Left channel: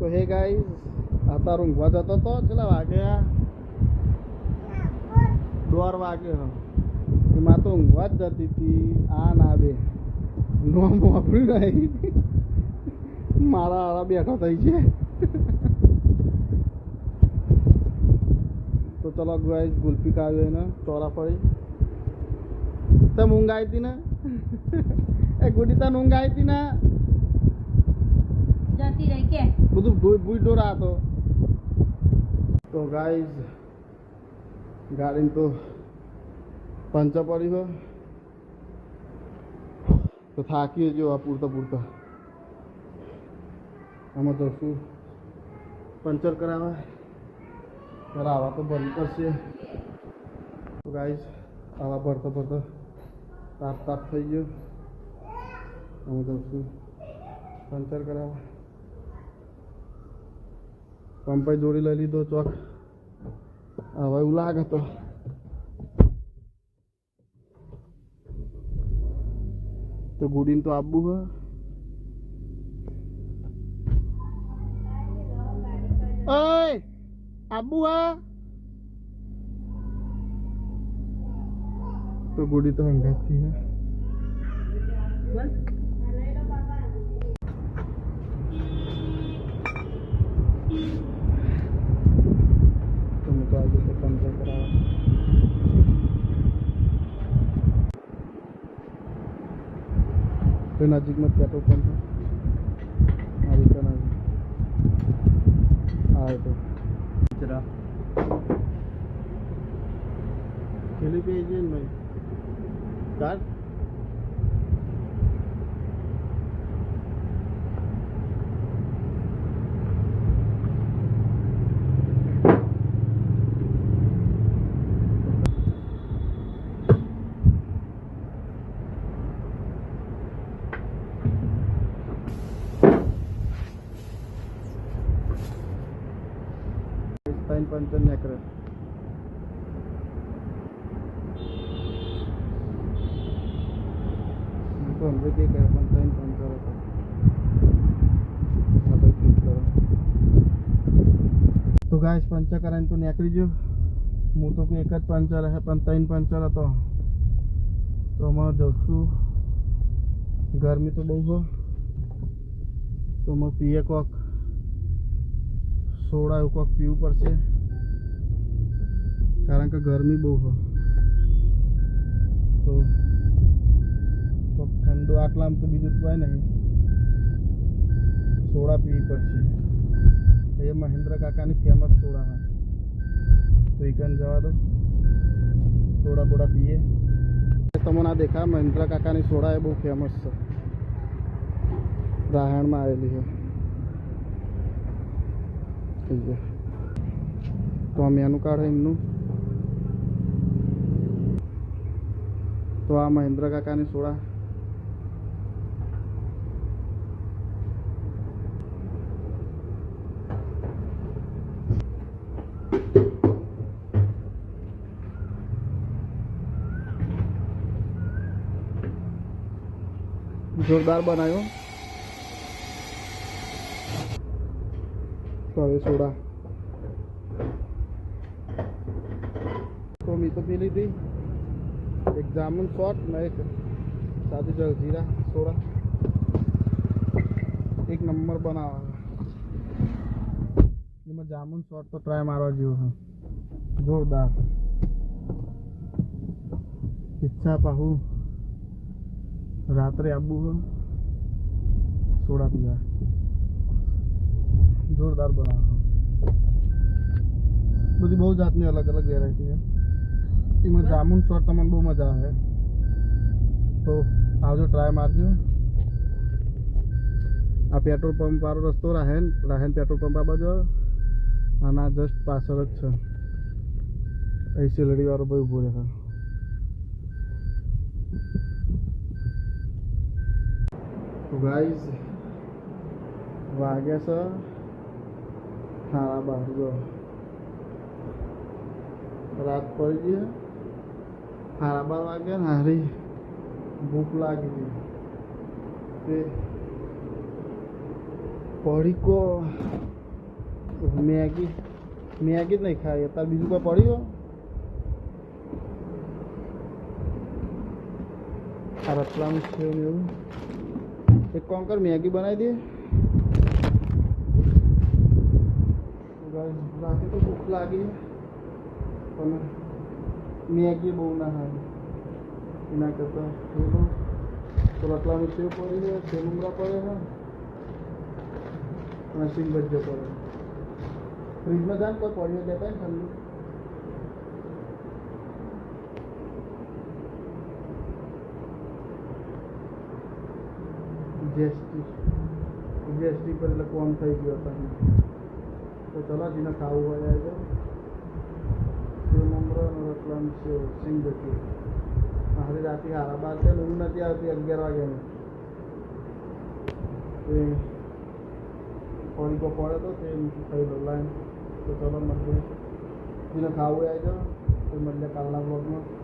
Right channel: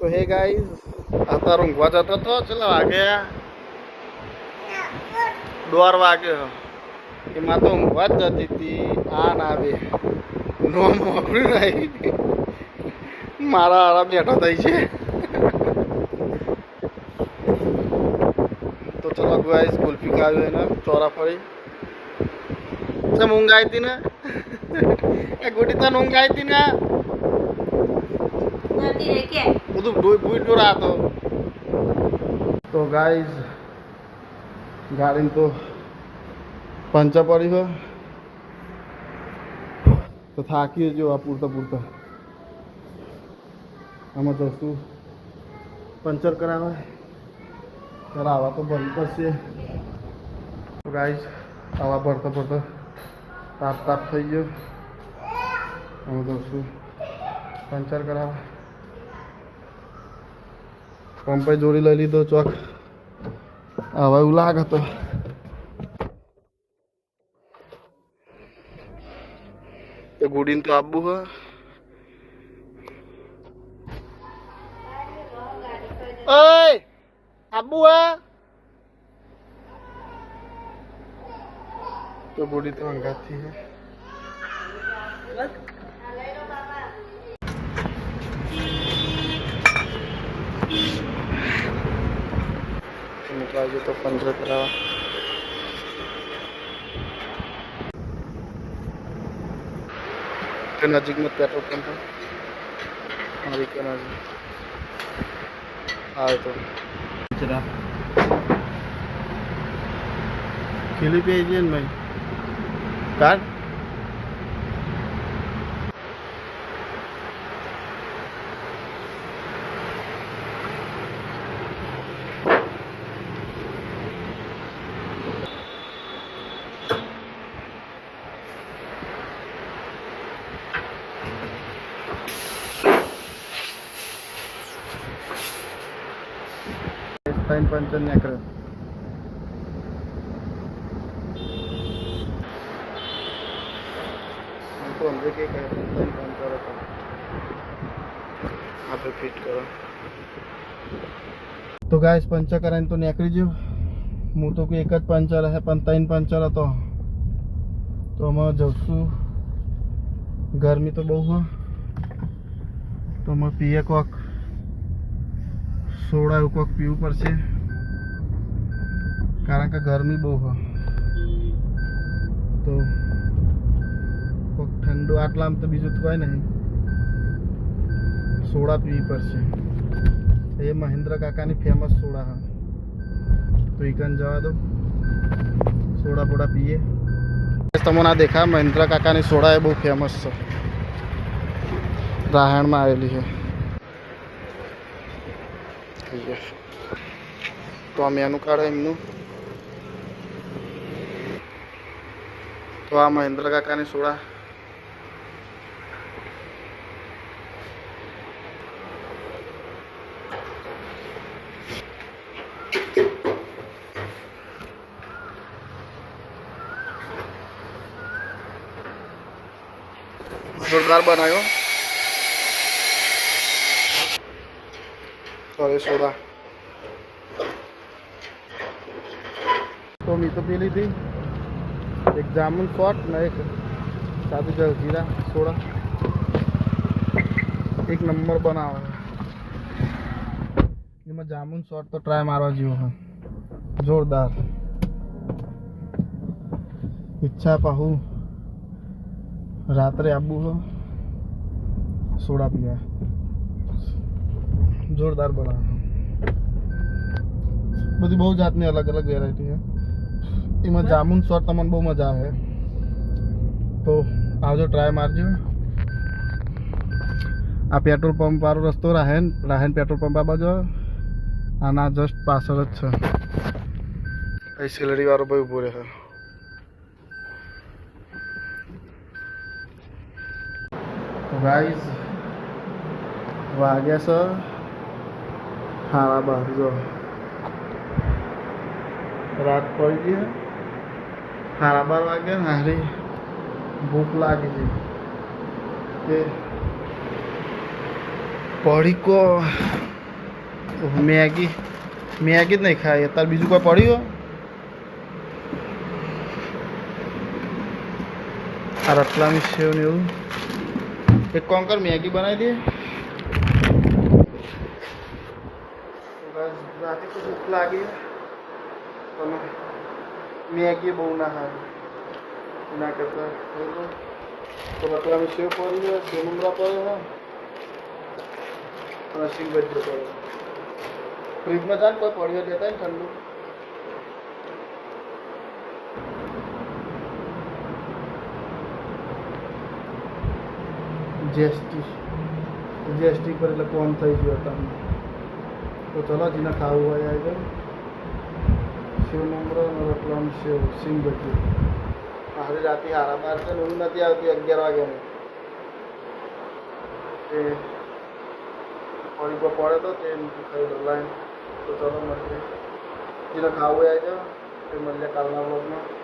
તો hey guys અત્યારે ઊંઘવા જતો તો ચલા વાગ્યા 12 વાગ્યો એમાં તો ઊંઘવા જ જતી હતી આ ના બે નો મોકલ્યું નહીં મારા આરા બેઠો થઈ છે તો ચલો ગાઈઝ ગુલ્ફી ખાવી એને ચોરા ફરી ચમ ઊંઘ આવી હતી ને એ ગુડી તને ઊંઘ આવી હતી ને બધું ભૂઈ ડોરા હતો તો ગાઈઝ ગાડીને તો પંચર પડી હોય તો થાકી જો આ પૂરતા આમાં તો શું પંચર કરાવવા તો ભરવું પડશે તો ગાઈઝ આવા ભરતા તાપ થઈ ગયો આમાં તો શું પંચર કરાવવા પંપે જોડી લઈ લીધો ચોક હવે એવું લાગે તો ગુડીને તો આપવું હ ઓય આપવું હા તો ગુડી તો હંગાથી હે આજે તો પંચર करावा नजीक में पेट्रोल पंप है और के नजीक आए तो चला खिली पे भाई कार्ड पंचर नहीं करे तो हमसे क्या करे पंचर होता यहाँ पे फिट करो तो गाइस पंचर कराने तो निकली जो मुँह तो एक ज पंचर है पण 3 पंचर હતો तो અમે જશું ગરમી તો બહુ હોય તો અમે પીએ કોક સોડા એવું કોક પીવું પડશે કારણ કે ગરમી બહુ હોય તો કોક ઠંડુ આટલામાં તો બીજું તો કાંઈ નહીં સોડા પીવી પડશે એ મહેન્દ્ર કાકાની ફેમસ સોડા હા તો એ કન જવા દો સોડા બોડા પીએ તમને આ દેખા મહેન્દ્ર કાકાની સોડા એ બહુ ફેમસ છે રાહણમાં આવેલી છે તો આ મેનુ કાર્ડ એમનું તો આ મહેન્દ્ર કાકાની સોડા જોરદાર બનાવ્યો तो હવે સોડા तो मैं तो पी ली थी एक जामुन शॉट ना एक सादी जलजीरा सोडा एक नंबर बनावा है जामुन शॉट तो ट्राय मारवा जीव है जोरदार इच्छा पाहू रात्रे आबू हो सोडा पीवा जोरदार बना बड़ी बहुत जातनी अलग अलग वेरायटी है इमें जामुन शॉट तमन बहुत मजा है तो आवजो ट्राय मारजो आ पेट्रोल पंप वाळो रस्तो राहन पेट्रोल पंप आ बाजू आना जस्ट पाछळ ज छे ए सिलडी वाळो भाई उभो रहे तो गाइस वाग्या छ 12:30 जो रात पड़ी गई है 12:30 वागे हारी भूख लगी थी पड़ी को मैगी मैगी ज नहीं खाई तार बीजू कोई पड़ी हो और अटला में सेव ने एक काम कर मैगी बनाई दिए रात को भूख लगी तो मैगी बहु ना खाई ना करता तो अटला में सेव पड़ी है सेव मुमरा पड़े है सिंग बज्जो पड़े फ्रिज में जान कोई पड़ी देता है ठंडू जीएसटी पर એટલે કોમ થઈ ગયો તમને તો ચલો જીને ખાવું હોય આવી જાઓ સેવ મમરો અને રોટલાનું સેવ સિંગ ભજીયું હારી રાતે 12:30 છે ઊંઘ નથી આવતી 11 વાગ્યાની એ ફરી પર પડે તો તે ખાઈ લો લાઈન તો ચલો મળીએ જીને ખાવું હોય આવી જાઓ તે મળીએ કાલના વ્લોગમાં